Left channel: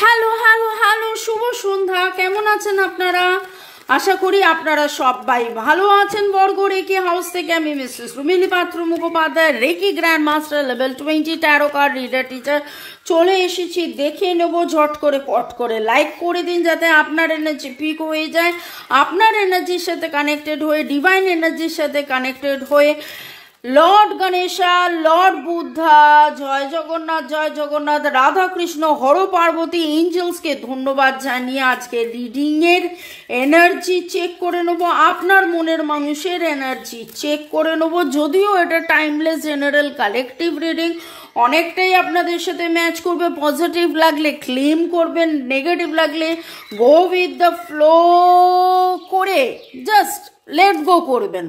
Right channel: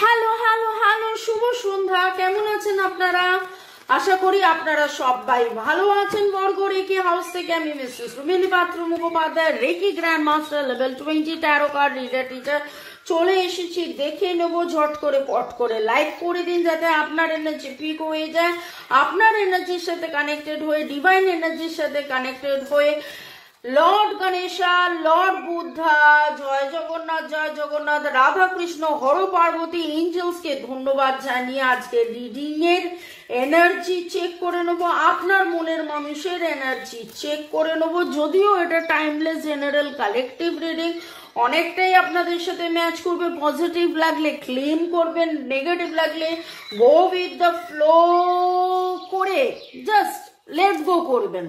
Hello hello hello, শুভ সন্ধ্যা। কেমন আছেন আপনারা? আশা করি আপনারা সবাই ভালো আছেন। বর্গ রেকি হাউস থেকে আমি Mrs Rumili Patra Mukhopadhyay, reiki grand master level 20 tarot card reader teacher চলে এসেছি। দেখে নেব ঝট করে, পট করে লাইক করে দিন যাতে আপনার এনার্জি পিক হয়ে যায়, আপনার এনার্জির সাথে কানেক্টেড হয়ে, ডিভাইন এনার্জির সাথে কানেক্টেড হয়ে লর্ড গণেশা, লর্ড বুদ্ধা, জয় জগন্নাথ, রাধা কৃষ্ণ, হর পার্বতী, এঞ্জেলসকে ধন্যবাদ জানিয়ে আজকে রিডিং এর এনার্জি চেক করে নেব। আপনার মনের মানুষের এনার্জি চেক করে নেব। যদিও এটা টাইমলেস জেনারেল কালেকটিভ রিডিং, অনেকটাই আপনাদের সাথে ম্যাচ করবে। পজিটিভ লাগলে ক্লেম করবেন, নেগেটিভ লাগলে গো উইথ দ্য ফ্লো করে জাস্ট লেট গো করবেন।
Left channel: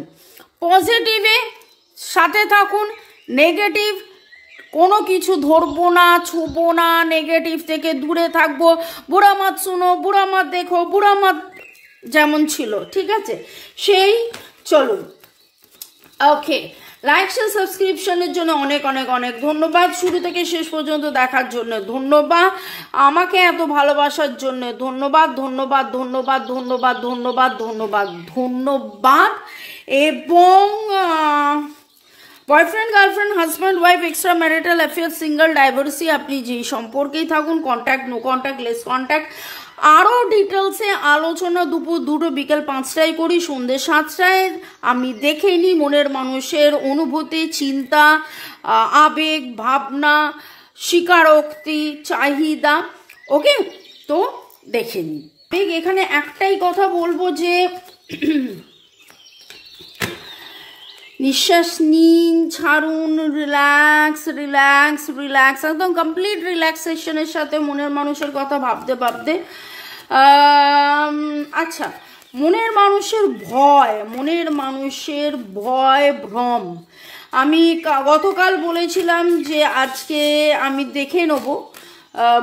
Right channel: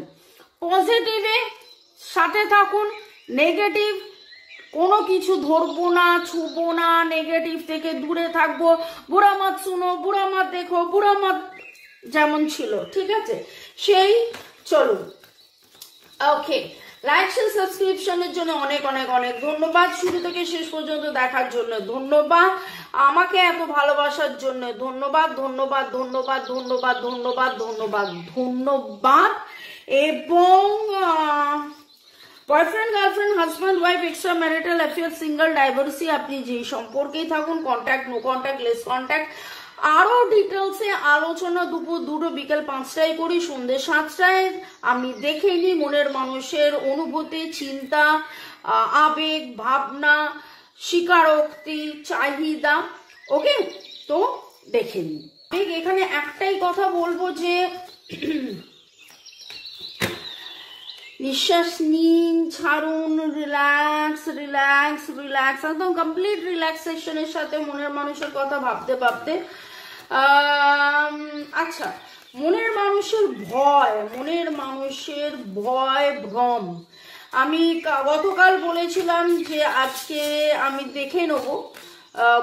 পজিটিভে সাথে থাকুন, নেগেটিভ কোনো কিছু ধরবো না, ছুবো না, নেগেটিভ থেকে দূরে থাকবো। বুড়া মাত শুনো, বুড়া মাত দেখো, বুড়া মাত যেমন ছিল, ঠিক আছে? সেই চলুন। ওকে, লাইক শেয়ার সাবস্ক্রিপশনের জন্য অনেক অনেক অনেক ধন্যবাদ। শুরু থেকে শেষ পর্যন্ত দেখার জন্য ধন্যবাদ। আমাকে এত ভালোবাসার জন্য ধন্যবাদ, ধন্যবাদ, ধন্যবাদ, ধন্যবাদ, ধন্যবাদ, ধন্যবাদ, ধন্যবাদ। এবং boyfriend, girlfriend, husband, wife, extra marital affair, single, divorcee, আপনি যেই সম্পর্কেই থাকুন, contact, no contact, less contact, আরও ডিটেলসে আলোচনা দুপুর 2টো বিকেল 5টায় করি, সন্ধ্যে 7টায়। আমি দেখে নিই মনের মানুষের অনুভূতি, চিন্তা, আবেগ, ভাবনা, স্বীকারোক্তি, চাহিদা। ওকে, তো দেখে নিই। এখানে একটাই কথা বলবো যে নিঃশ্বাস নিন, ছাড়ুন, রিল্যাক্স রিল্যাক্স রিল্যাক্স, একদম কমপ্লিট রিল্যাক্সেশনের সাথে মনের মানুষের কথা ভাবতে ভাবতে। আচ্ছা, মনের মানুষের ভয় ভ্রম। আমি গতকাল বলেছিলাম যে আজকে আমি দেখে নেব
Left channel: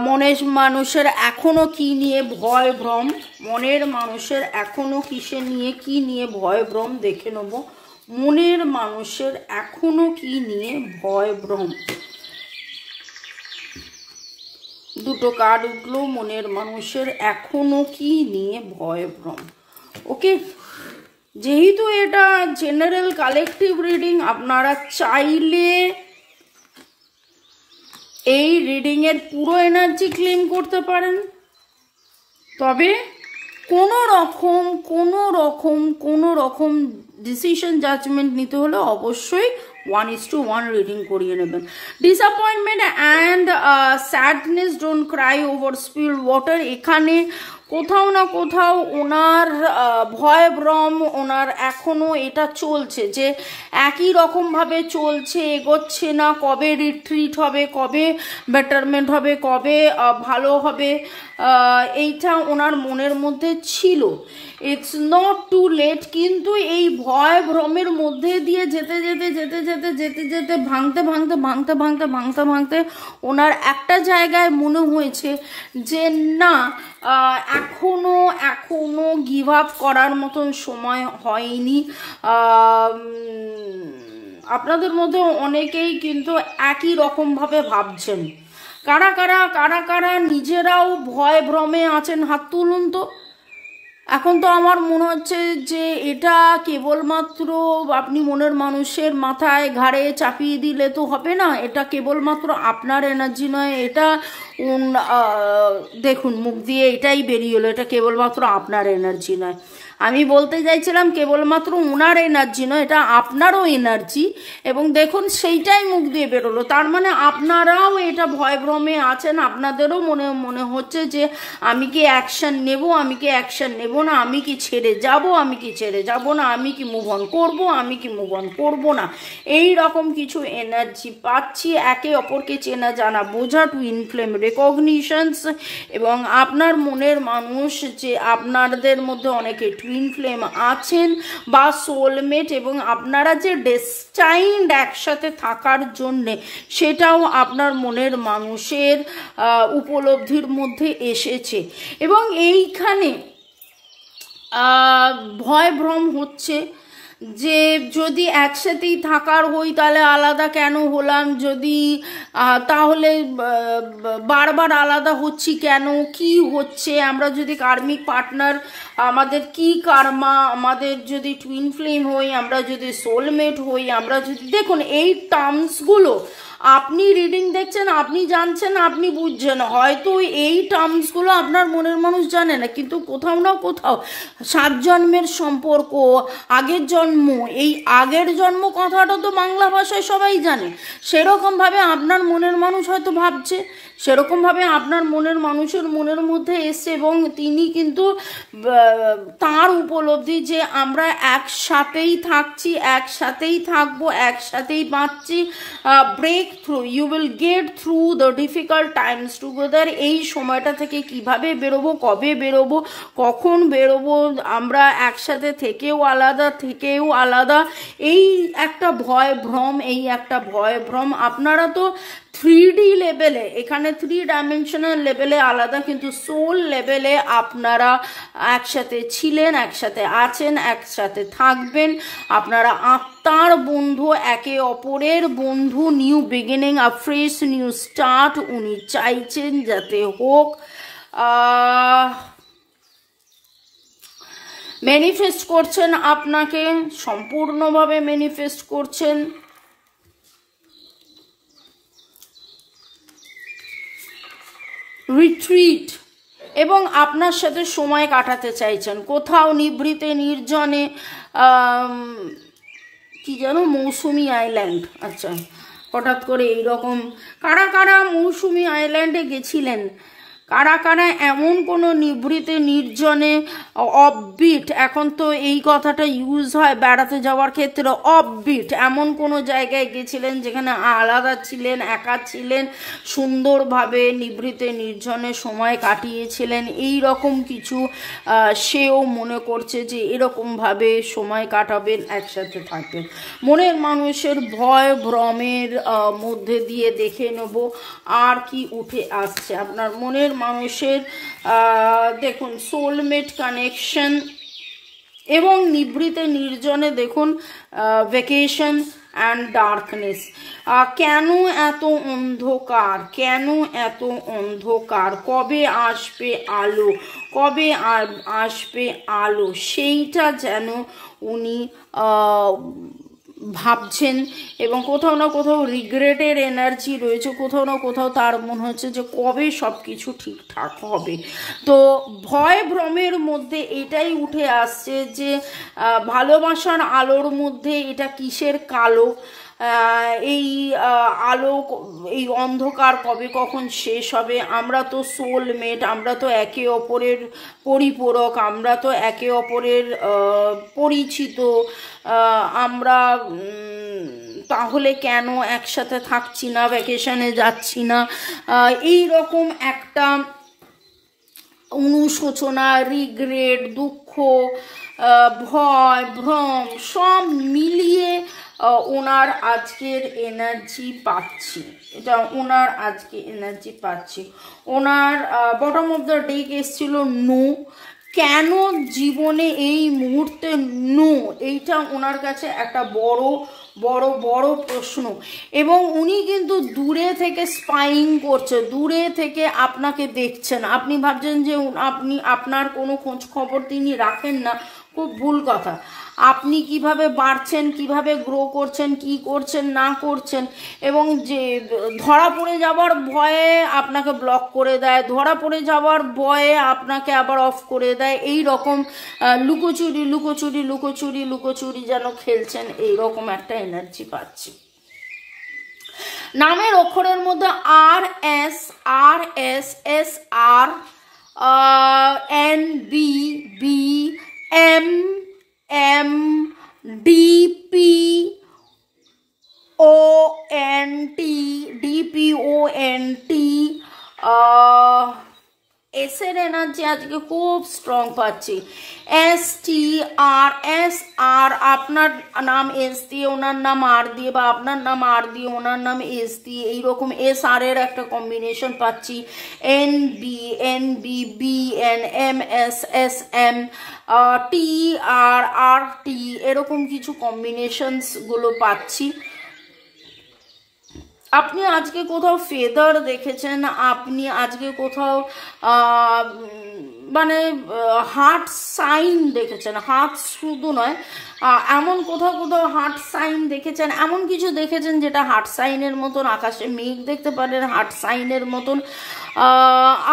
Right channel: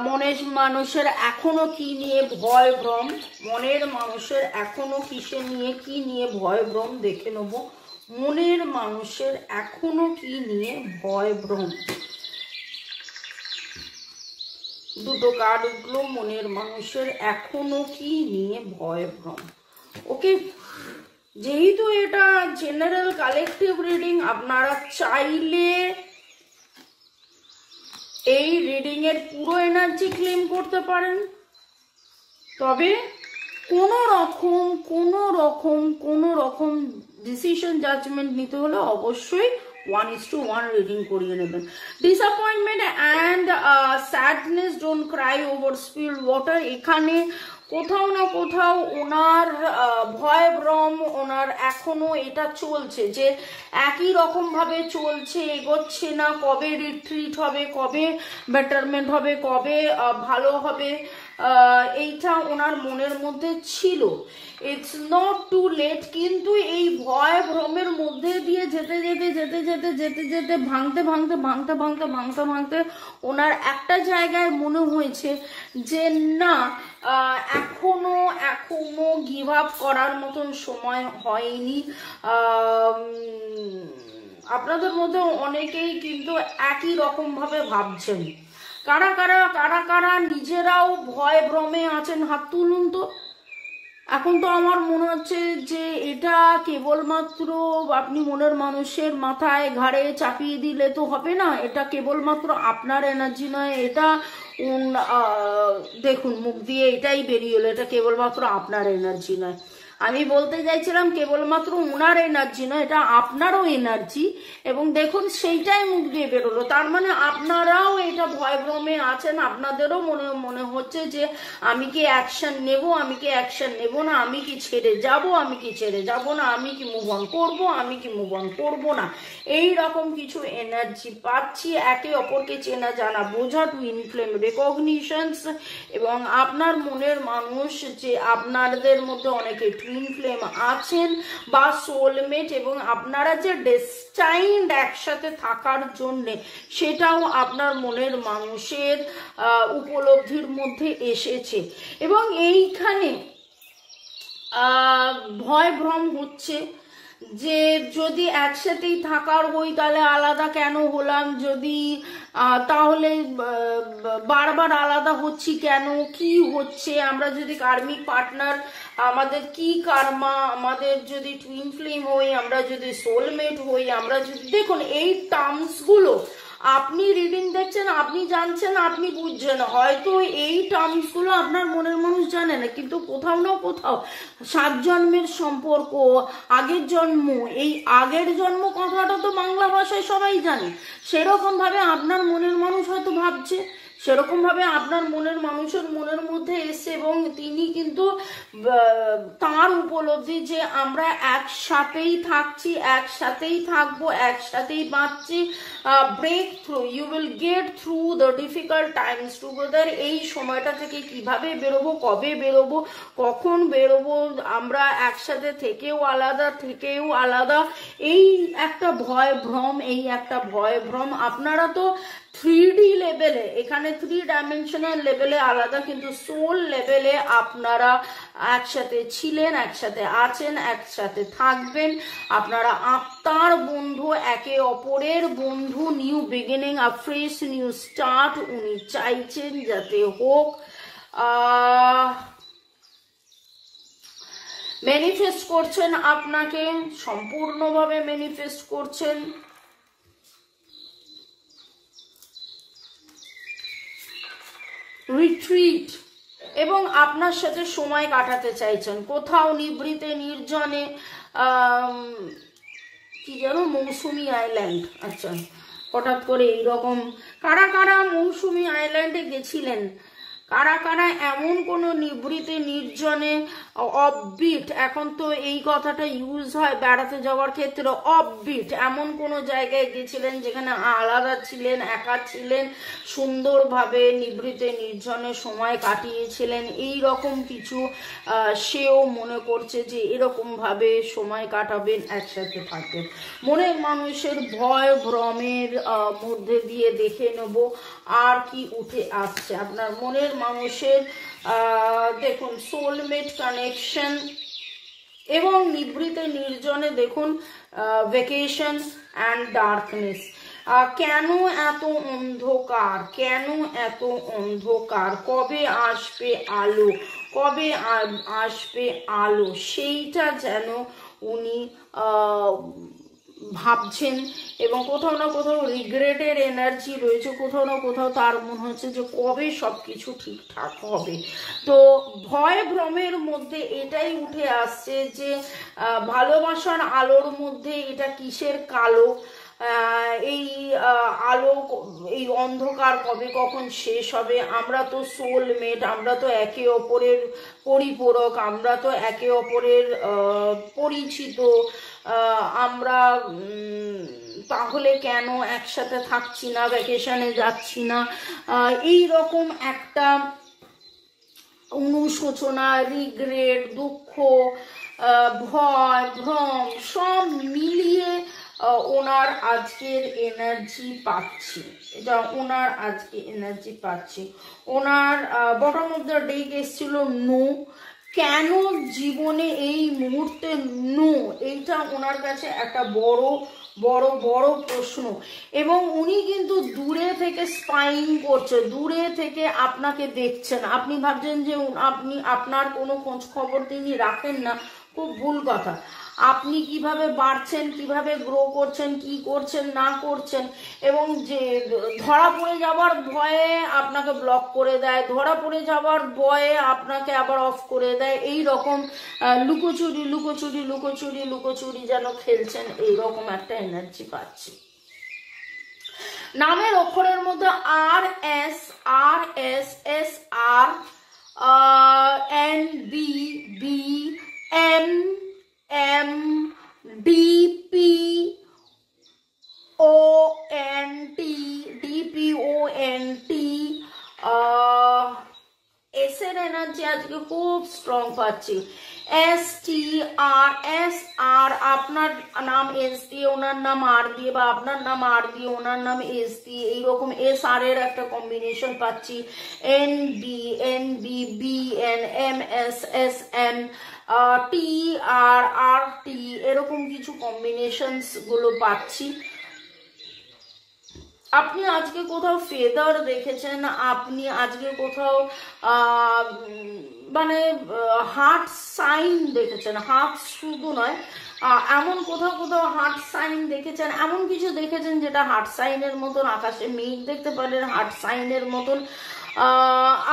মনের মানুষের এখনো কি নিয়ে ভয় ভ্রম, মনের মানুষের এখনো কিসে নিয়ে কি নিয়ে ভয় ভ্রম দেখে নেব। মনের মানুষের এখনো কি নিয়ে ভয় ভ্রম। দুটো কার্ড উঠলো, মনের মানুষের এখনো কি নিয়ে ভয় ভ্রম। ওকে, যেহেতু এটা জেনারেল কালেকটিভ রিডিং, আপনারা চাইলে এই রিডিং এর পুরো এনার্জি ক্লেম করতে পারেন। তবে কোনো রকম ডিসিশন জাজমেন্ট নিতে হলে অবশ্যই 1:1 রিডিং করিয়ে নেবেন। Disappointment and sadness, don't Cry over spelled water. এখানে কোথাও না কোথাও ওনার ভয় ভ্রম, ওনার এখনো এটা চলছে যে একই রকমভাবে চলছে, এগোচ্ছে না। কবে রিট্রিট হবে, কবে বেটারমেন্ট হবে, কবে ভালো হবে, এইটা ওনার মনের মধ্যে ছিল। It's not too late. কিন্তু এই ভয় ভ্রমের মধ্যে দিয়ে যেতে ভাঙতে ওনার একটা জায়গায় মনে হয়েছে যে না, এখনো গিভ আপ করার মতন সময় হয়নি। আপনাদের মধ্যে অনেকেই কিন্তু একই রকম ভাবে ভাবছেন। কারা কারা নিজেরাও ভয় ভ্রমে আছেন, হাত তুলুন তো। এখন তো আমার মনে হচ্ছে যে এটা কেবলমাত্র আপনি মনের মানুষের মাথায় ঘাড়ে চাপিয়ে দিলে তো হবে না। এটা কেবলমাত্র আপনার এনার্জি নয়। এটা দেখুন, মুখ দিয়ে এটাই বেরিয়ে এলো, এটা কেবলমাত্র আপনার এনার্জি নয়। আমি বলতে চাইছিলাম কেবলমাত্র ওনার এনার্জি নয়, এটা আপনারও এনার্জি। এবং দেখুন সেইটাই মুখ দিয়ে বেরোলো। তার মানে আপনারাও এটা ভয় ভ্রমে আছেন। আপনাদেরও মনে হচ্ছে যে আমি কি অ্যাকশন নেব, আমি কি অ্যাকশন নেব না, আমি কি ছেড়ে যাব, আমি কি ছেড়ে যাব না, আমি কি মুভ অন করবো, আমি কি মুভ অন করবো না, এই রকম কিছু এনার্জি পাচ্ছি। একে অপরকে চেনা জানা বোঝা, টুইন ফ্লেম রেকগনিশনস। এবং আপনার মনের মানুষ যে আপনাদের মধ্যে অনেকে টুইন ফ্লেম আছেন বা সোলমেট, এবং আপনারা যে ডেস্টাইনড একসাথে থাকার জন্যে, সেটাও আপনার মনের মানুষের উপলব্ধির মধ্যে এসেছে। এবং এইখানে ভয় ভ্রম হচ্ছে, যে যদি একসাথেই থাকার হই তাহলে আলাদা কেন হলাম, যদি তাহলে বারবার আলাদা হচ্ছি কেন, কি হচ্ছে, আমরা যদি কার্মিক পার্টনার, আমাদের কি কার্মা, আমাদের যদি টুইন ফ্লেম হই, আমরা যদি সোলমেট হই, আমরা যদি, দেখুন এই টার্মসগুলো আপনি রিডিং দেখছেন, আপনি জানছেন, আপনি বুঝছেন, হয়তো এই টার্মসগুলো আপনার মনের মানুষ জানে না, কিন্তু কোথাও না কোথাও 7 জন্মের সম্পর্ক, আগের জন্ম, এই আগের জন্ম কথাটা তো বাংলা ভাষায় সবাই জানে, সেরকমভাবে আপনার মনের মানুষ হয়তো ভাবছে, সেরকমভাবে আপনার মনের মানুষের মনের মধ্যে এসছে, এবং তিনি কিন্তু তার উপলব্ধি যে আমরা একসাথেই থাকছি, একসাথেই থাকবো, একসাথেই বাঁচছি, break through, you will get through the difficult times together. এই সময়টা থেকে কিভাবে বেরোবো, কবে বেরোবো, কখন বেরোবো, আমরা একসাথে থেকেও আলাদা, এই একটা ভয় ভ্রম, এই একটা ভয় ভ্রম। আপনারা তো 3D লেভেলে, এখানে 3 ডাইমেনশনাল লেভেলে আলাদা, কিন্তু সোল লেভেলে আপনারা একসাথে ছিলেন, একসাথে আছেন, একসাথে থাকবেন, আপনারা আত্মার বন্ধু, একে অপরের বন্ধু, নিউ বিগিনিং, আ ফ্রেশ নিউ স্টার্ট উনি চাইছেন যাতে হোক। ম্যানিফেস্ট করছেন, আপনাকে সম্পূর্ণভাবে ম্যানিফেস্ট করছেন। রিট্রিট, এবং আপনার সাথে সময় কাটাতে চাইছেন কোথাও নিভৃতে নির্জনে, কি যেন মৌসুমি আইল্যান্ড, আচ্ছা হঠাৎ করে এইরকম, কারা কারা মৌসুমি আইল্যান্ডে গেছিলেন, কারা কারা এমন কোনো নিভৃতে নির্জনে, অফবিট, এখন তো এই কথাটা ইউজ হয় বেড়াতে যাওয়ার ক্ষেত্রে, অফবিট, এমন কোনো জায়গায় গেছিলেন যেখানে আলাদা ছিলেন, একা ছিলেন, সুন্দরভাবে নিভৃতে নির্জনে সময় কাটিয়েছিলেন, এই রকম কিছু সেও মনে করছে যে এরকমভাবে সময় কাটাবেন, একসাথে থাকবেন। মনের মানুষের ভয় ভ্রমের মধ্যে দিয়ে দেখে নেব আর কি উঠে আসছে আপনার মনের মানুষের। দেখুন সোলমেট কানেকশন, এবং নিভৃতে নির্জনে দেখুন ভ্যাকেশন অ্যান্ড ডার্কনেস। কেন এত অন্ধকার, কেন এত অন্ধকার, কবে আসবে আলো, কবে আসবে আলো, সেইটা যেন উনি ভাবছেন, এবং কোথাও না কোথাও রিগ্রেটের এনার্জি রয়েছে, কোথাও না কোথাও তার মনে হচ্ছে যে কবে সব কিছু ঠিকঠাক হবে। তো ভয় ভ্রমের মধ্যে এটাই উঠে আসছে যে ভালোবাসার আলোর মধ্যে এটা কিসের কালো, এই আলো, এই অন্ধকার কবে কখন শেষ হবে। আমরা তো সোলমেট, আমরা তো একে অপরের পরিপূরক, আমরা তো একে অপরের পরিচিত, আমরা তাহলে কেন একসাথে থাকছি না, ভ্যাকেশনে যাচ্ছি না, এই রকম একটা অনুশোচনা, রিগ্রেট, দুঃখ, ভয় ভ্রম সব মিলিয়ে ওনার আজকের এনার্জি পাচ্ছি, এটা ওনার আজকে এনার্জি পাচ্ছি। ওনার বটম অফ দ্য ডেক এসেছিল নো, কেন জীবনে এই মুহূর্তে নো, এইটা ওনার কাছে একটা বড় বড় বড় প্রশ্ন। এবং উনি কিন্তু দূরে থেকে স্পাইং করছে, দূরে থেকে আপনাকে দেখছেন, আপনি ভাবছেন যে আপনার কোনো খোঁজ খবর তিনি রাখেন না, খুব ভুল কথা। আপনি কিভাবে বাড়ছেন, কিভাবে গ্রো করছেন, কি করছেন না করছেন, এবং যে ধরা পড়ে যাওয়ার ভয়ে আপনাকে ব্লক করে দেয়, ধরা পড়ে যাওয়ার ভয়ে আপনাকে আবার অফ করে দেয়, এই রকম লুকোচুরি লুকোচুরি লুকোচুরি লুকোচুরি যেন খেলছেন, এই রকম একটা এনার্জি পাচ্ছি। নামের অক্ষরের মধ্যে R S S R, N B B, M M, D P O N T, D P O N T, S এর এনার্জি আজকে খুব স্ট্রং পাচ্ছি। STR আপনার নাম এস দিয়ে ওনার নাম আর দিয়ে, বা আপনার নাম আর দিয়ে ওনার নাম এস দিয়ে, এইরকম SR এর একটা কম্বিনেশন পাচ্ছি। NBNBBNMSSM TRRT এরকম কিছু কম্বিনেশনস গুলো পাচ্ছি। আপনি আজকে কোথাও ফেদার দেখেছেন, আপনি আজকে কোথাও মানে হার্ট সাইন দেখেছেন, হার্ট শুধু নয়, এমন কোথাও কোথাও হার্ট সাইন দেখেছেন, এমন কিছু দেখেছেন যেটা হার্ট সাইনের মতন। আকাশে মেঘ দেখতে পারেন হার্ট সাইনের মতন।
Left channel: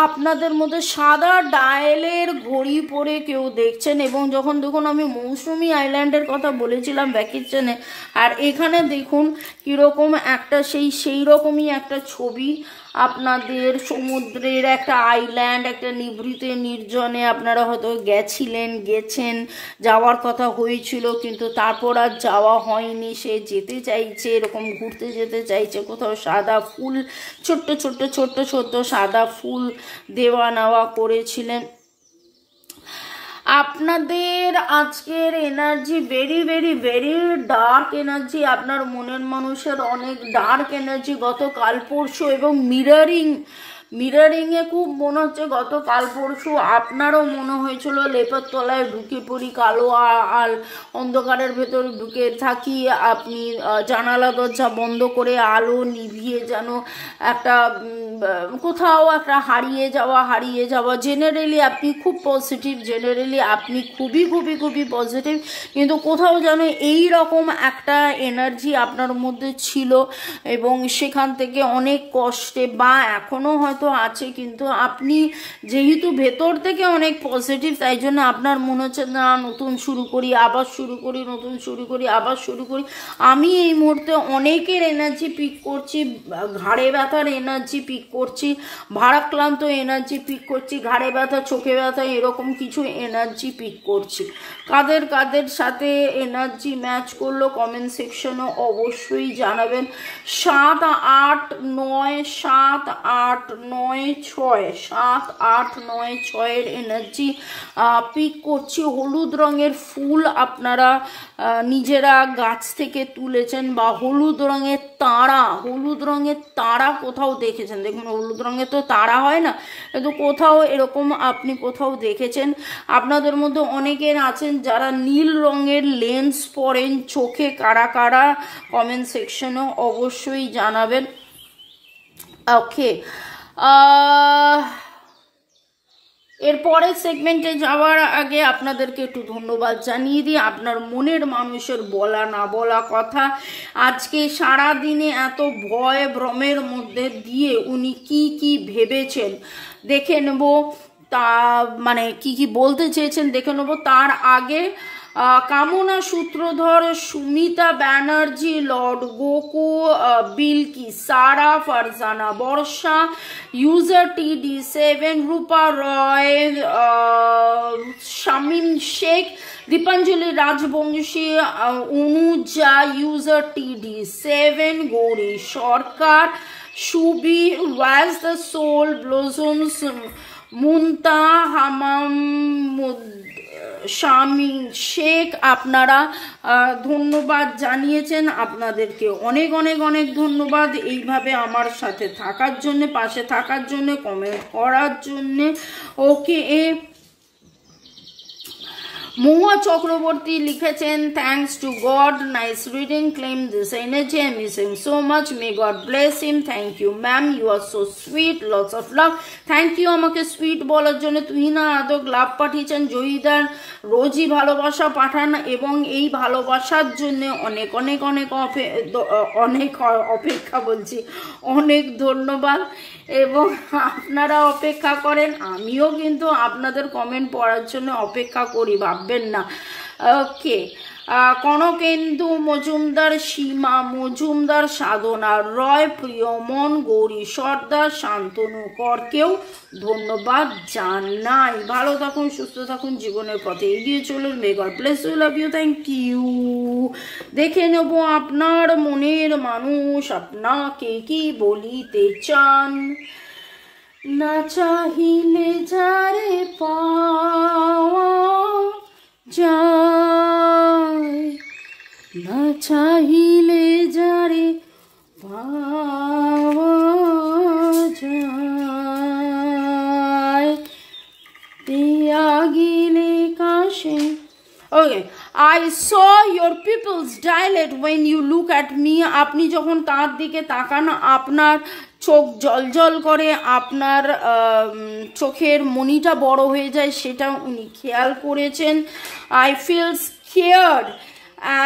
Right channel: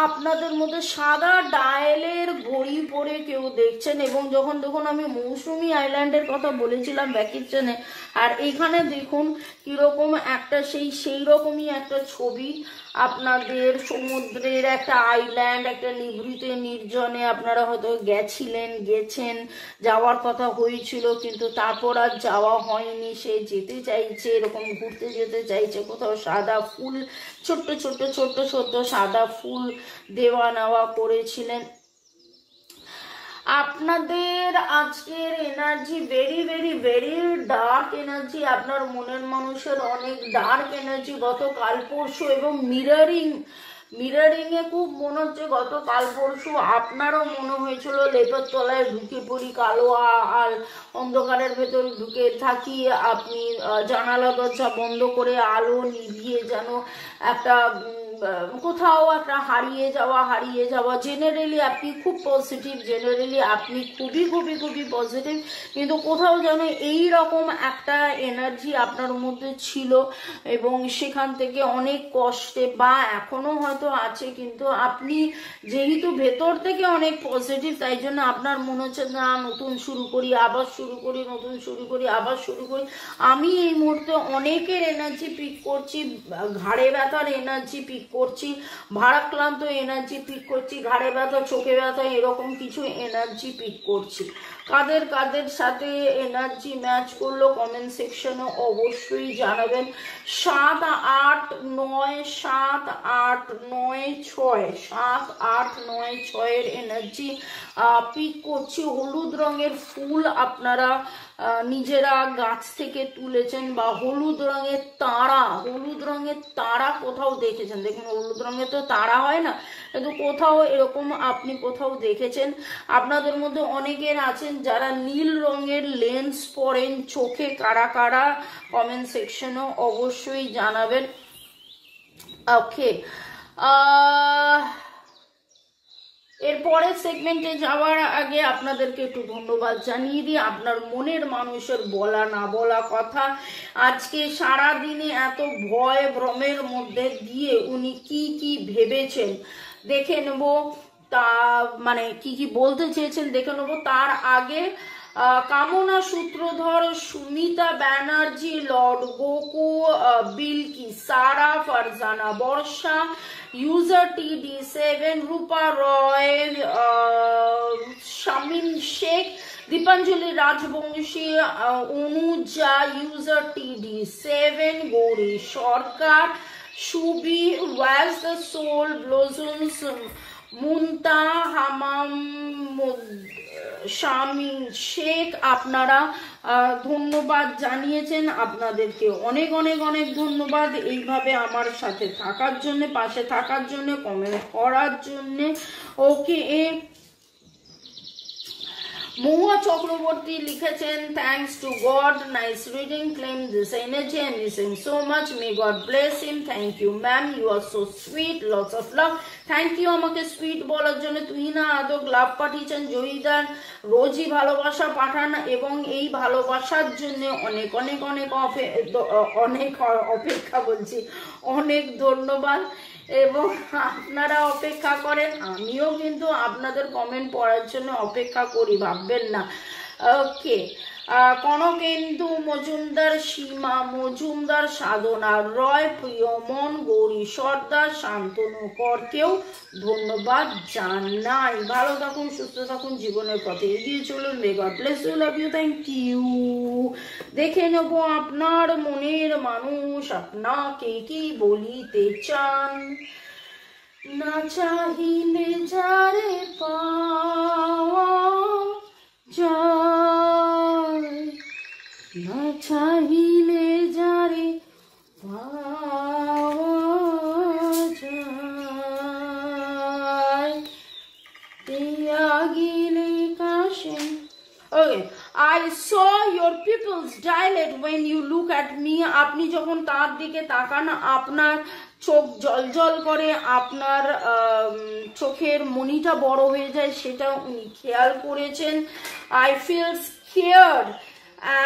আপনাদের মধ্যে সাদা ডায়ালের ঘড়ি পরে কেউ দেখছেন, এবং যখন দেখুন আমি মৌসুমী আইল্যান্ডের কথা বলেছিলাম ভ্যাকেশনে, আর এখানে দেখুন কিরকম একটা সেই রকমই একটা ছবি। আপনাদের সমুদ্রের একটা আইল্যান্ড, একটা নিভৃত নির্জনে আপনারা হয়তো গেছেন, যাওয়ার কথা হয়েছিল কিন্তু তারপর আর যাওয়া হয়নি। সে যেতে চাইছে, এরকম ঘুরতে যেতে চাইছে কোথাও। সাদা ফুল, ছোট্ট ছোট্ট ছোট্ট ছোট্ট সাদা ফুল দেওয়া নেওয়া করেছিলেন। আপনাদের আজকের energy very very very dark energy. আপনার মনের মানুষের অনেক ডার্ক এনার্জি গতকাল পরশু, এবং মিররিংয়ে খুব মনে হচ্ছে গতকাল পরশু আপনারও মনে হয়েছিল লেপের তলায় ঢুকে পড়ি, কালো আর অন্ধকারের ভেতর ঢুকে থাকি। আপনি জানালা দরজা বন্ধ করে আলো নিভিয়ে যেন একটা কোথাও একটা হারিয়ে যাওয়া। জেনারেলি আপনি খুব পজিটিভ, জেনারেলি আপনি খুবই খুবই খুবই পজিটিভ, কিন্তু কোথাও যেন এই রকম একটা এনার্জি আপনার মধ্যে ছিল, এবং সেখান থেকে অনেক কষ্টে বা এখনো হয়তো আছে, কিন্তু আপনি যেহেতু ভেতর থেকে অনেক পজিটিভ, তাই জন্য আপনার মনে হচ্ছে না নতুন শুরু করি, আবার শুরু করি, নতুন শুরু করি, আবার শুরু করি। আমি এই মুহূর্তে অনেকের এনার্জি পিক করছি, ঘাড়ে ব্যথার এনার্জি পিক করছি, ভারাক্রান্ত এনার্জি পিক করছি, ঘাড়ে ব্যথা, চোখে ব্যথা, এরকম কিছু এনার্জি পিক করছি। কাদের কাদের সাথে এনার্জি ম্যাচ করলো কমেন্ট সেকশনে অবশ্যই জানাবেন। 7, 8, 9, 7, 8, 9, 6, 7, 8, 9, 6 এর এনার্জি পিক করছি। হলুদ রঙের ফুল আপনারা নিজেরা গাছ থেকে তুলেছেন, বা হলুদ রঙের তারা কোথাও দেখেছেন। দেখুন হলুদ রঙের তো তারা হয় না, কিন্তু কোথাও এরকম আপনি কোথাও দেখেছেন। আপনাদের মধ্যে অনেকের আছেন যারা নীল রঙের লেন্স পরেন চোখে, কারা কারা কমেন্ট সেকশনে অবশ্যই জানাবেন। ওকে, এরপরের সেগমেন্টে যাওয়ার আগে আপনাদেরকে একটু ধন্যবাদ জানিয়ে দিই। আপনার মনের মানুষের বলা না বলা কথা, আজকে সারা দিনে এত ভয় ভ্রমের মধ্যে দিয়ে উনি কি ভেবেছেন দেখে নেব, তা মানে কি বলতে চেয়েছেন দেখে নেব। তার আগে কামনা সূত্রধর, সুমিতা ব্যানার্জি, লর্ড গোকু, বিলকি, সারা, ফারজানা বর্ষা, ইউজার TD7, রূপা রয়, শামিম শেখ, দীপাঞ্জলি রাজবংশী, অনুজা, ইউজার TD7, গৌরী সরকার, সুবি, ওয়াজ দ্য সোল ব্লজমস, মুন্তা, হামাম, শামিম শেখ, আপনারা ধন্যবাদ জানিয়েছেন। আপনাদেরকে অনেক অনেক অনেক ধন্যবাদ এইভাবে আমার সাথে থাকার জন্য, পাশে থাকার জন্য, কমেন্ট করার জন্য। ওকে, মহুয়া চক্রবর্তী লিখেছেন, thanks to god, nice reading, claim this energy, I miss him so much, may god bless him. Thank you ma'am, you are so sweet, lots of love. Thank you আমাকে সুইট বলার জন্য। তুহিনা আদক লাভ পাঠিয়েছেন। জয়িদার রোজই ভালোবাসা পাঠান, এবং এই ভালোবাসার জন্য অনেক অনেক অনেক অপেক্ষা বলছি, অনেক ধন্যবাদ। এবং আপনারা অপেক্ষা করেন, আমিও কিন্তু আপনাদের কমেন্ট পড়ার জন্য অপেক্ষা করি, ভাববেন না। ওকে, কনকেন্দু মজুমদার, সীমা মজুমদার, সাধনা রয়, প্রিয়মন, গৌরী সর্দার, শান্তনু করকেও ধন্যবাদ জানাই। ভালো থাকুন, সুস্থ থাকুন, জীবনের পথে এগিয়ে চলুন। May god bless you, love you, thank you. দেখে নেব আপনার মনের মানুষ আপনাকে কি বলিতে চান। না চাহিলে যারে পাওয়া যায়, না চাহিলে যারে পাওয়া যায়, দিয়া গেলে কাশে। Okay, I saw your pupils dilate when you look at me. আপনি যখন তার দিকে তাকান আপনার চোখ জলজল করে, আপনার চোখের মনিটা বড় হয়ে যায়, সেটা উনি খেয়াল করেছেন। I feel scared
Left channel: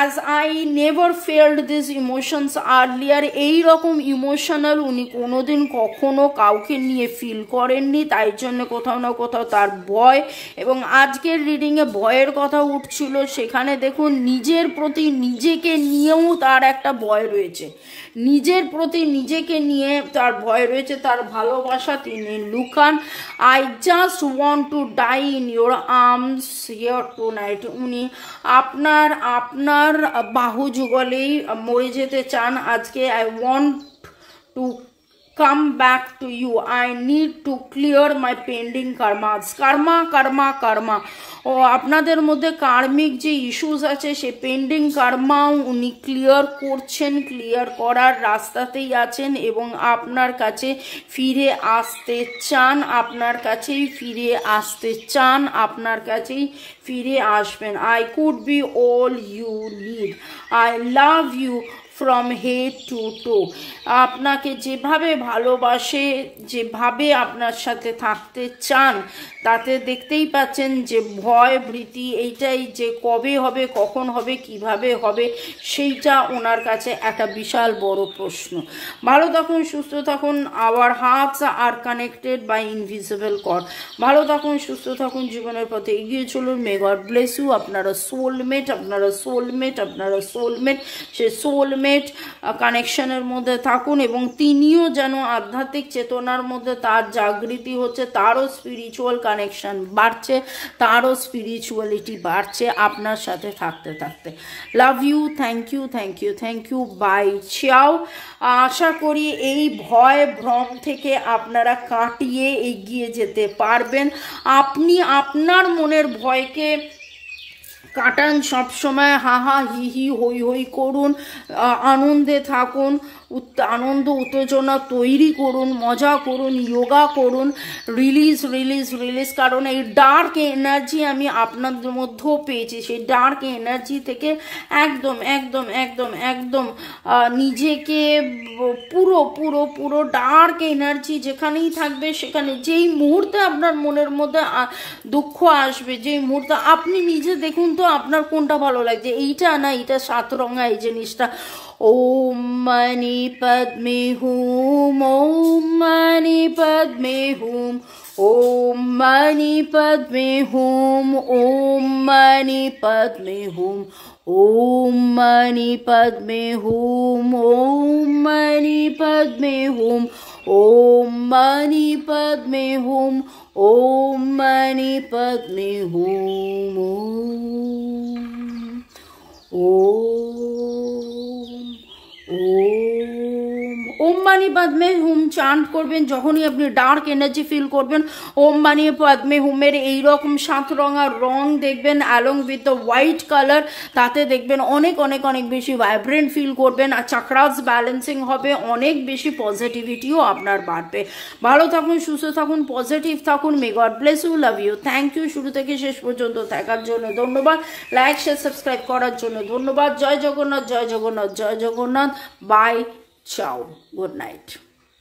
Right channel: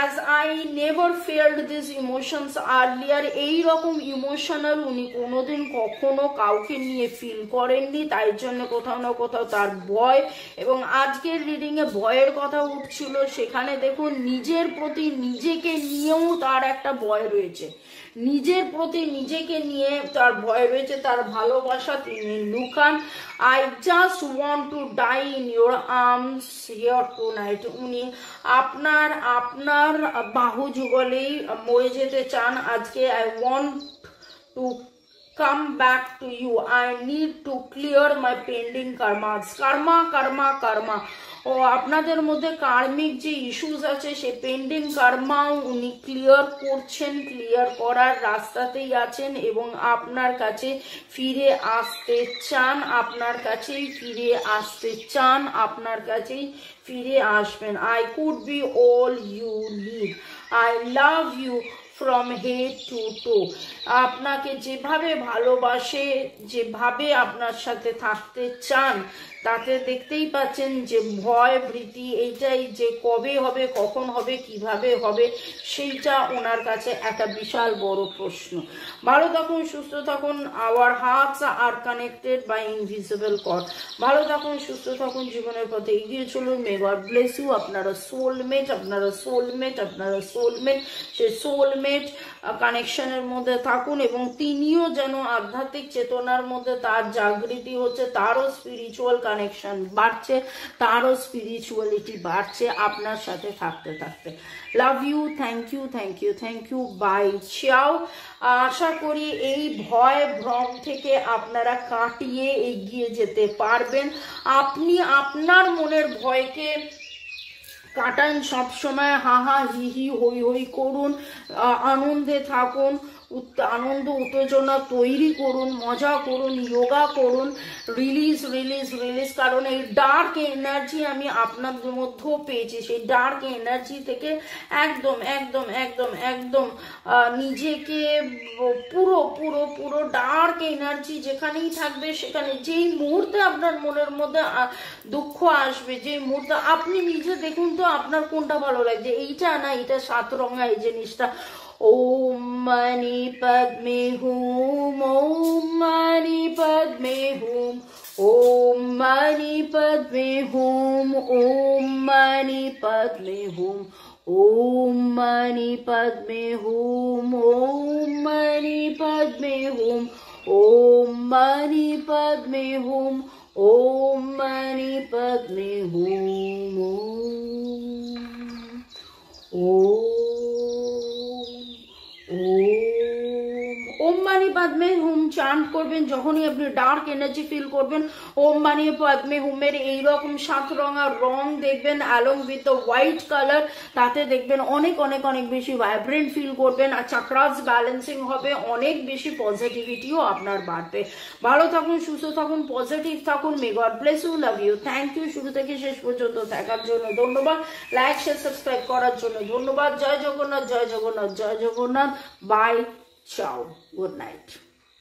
as I never felt these emotions earlier. এই রকম ইমোশনাল উনি কোনোদিন কখনো কাউকে নিয়ে ফিল করেননি, তাই জন্য কোথাও না কোথাও তার ভয়। এবং আজকের রিডিংয়ে ভয়ের কথা উঠছিল, সেখানে দেখুন নিজের প্রতি নিজেকে নিয়েও তার একটা ভয় রয়েছে, নিজের প্রতি নিজেকে নিয়ে তার ভয় রয়েছে, তার ভালোবাসা তিনি লুকান। I just want to die in your arms here tonight. উনি আপনার বাহু যুগলেই মরে যেতে চান আজকে। I want to come back to you. I need to clear my pending karmas. karma. ও আপনাদের মধ্যে কার্মিক যে ইস্যুস আছে সে পেন্ডিং কার্মাও উনি ক্লিয়ার করছেন, ক্লিয়ার করার রাস্তাতেই আছেন এবং আপনার কাছে ফিরে আসতে চান, আপনার কাছেই ফিরে আসতে চান, আপনার কাছেই ফিরে আসবেন। I could be all you need. I love you from head to toe. আপনাকে যেভাবে ভালোবাসে, যেভাবে আপনার সাথে থাকতে চান, তাতে দেখতেই পাচ্ছেন যে ভয় ভীতি এইটাই যে কবে হবে, কখন হবে, কিভাবে হবে, সেইটা ওনার কাছে একটা বিশাল বড় প্রশ্ন। ভালো থাকুন, সুস্থ থাকুন। Our hearts are connected by invisible cord. ভালো থাকুন, সুস্থ থাকুন, জীবনের পথে এগিয়ে চলুন। May god bless you. আপনারা সোলমেট, আপনারা সোলমেট, আপনারা সোলমেট। সে সোলমেট কানেকশনের মধ্যে থাকুন এবং তিনিও যেন আধ্যাত্মিক চেতনার মধ্যে তার জাগৃতি হচ্ছে, তারও স্পিরিচুয়াল কানেকশন বাড়ছে, তারও স্পিরিচুয়ালিটি বাড়ছে আপনার সাথে থাকতে থাকতে। Love you, thank you, thank you, thank you, bye, ciao. আশা করি এই ভয় ভ্রম থেকে আপনারা কাটিয়ে এগিয়ে যেতে পারবেন। আপনি আপনার মনের ভয়কে কাটান সবসময়, হাহা হি হি হই হই করুন, আনন্দে থাকুন, আনন্দ উত্তেজনা তৈরি করুন, মজা করুন, যোগা করুন, রিলিজ রিলিজ রিলিজ। কারণ এই ডার্ক এনার্জি আমি আপনাদের মধ্যেও পেয়েছি, সেই ডার্ক এনার্জি থেকে একদম একদম একদম একদম নিজেকে পুরো পুরো পুরো ডার্ক এনার্জি যেখানেই থাকবে সেখানে যেই মুহূর্তে আপনার মনের মধ্যে দুঃখ আসবে, যেই মুহূর্তে আপনি নিজে দেখুন তো আপনার কোনটা ভালো লাগছে, এইটা না এইটা সাতরঙা এই জিনিসটা। ओम मणि पद्मे हूम, ओम मणि पद्मे हूम, ओम मणि पद्मे हूम, ओम मणि पद्मे हूम, ओम मणि पद्मे हूम, ओम मणि पद्मे हूम, ओम मणि पद्मे हूम, ओम मणि पद्मे हूम, ओम मानी पद्मे हुम চান্ট করবেন যখনই আপনি ডার্ক এনার্জি ফিল করবেন। ওম মানি পদ্মে হুমের এইরকম সাত রঙা রং দেখবেন along with the white colour, তাতে দেখবেন অনেক অনেক অনেক বেশি ভাইব্রেন্ট ফিল করবেন, আর চাকরাস ব্যালেন্সিং হবে, অনেক বেশি পজিটিভিটিও আপনার বাড়বে। ভালো থাকুন, সুস্থ থাকুন, পজিটিভ থাকুন। May god bless you, love you, thank you শুরু থেকে শেষ পর্যন্ত থাকার জন্য ধন্যবাদ, লাইক শেয়ার সাবস্ক্রাইব করার জন্য ধন্যবাদ। জয় জগন্নাথ, জয় জগন্নাথ, জয় জগন্নাথ। বাই, চাও, গুড নাইট।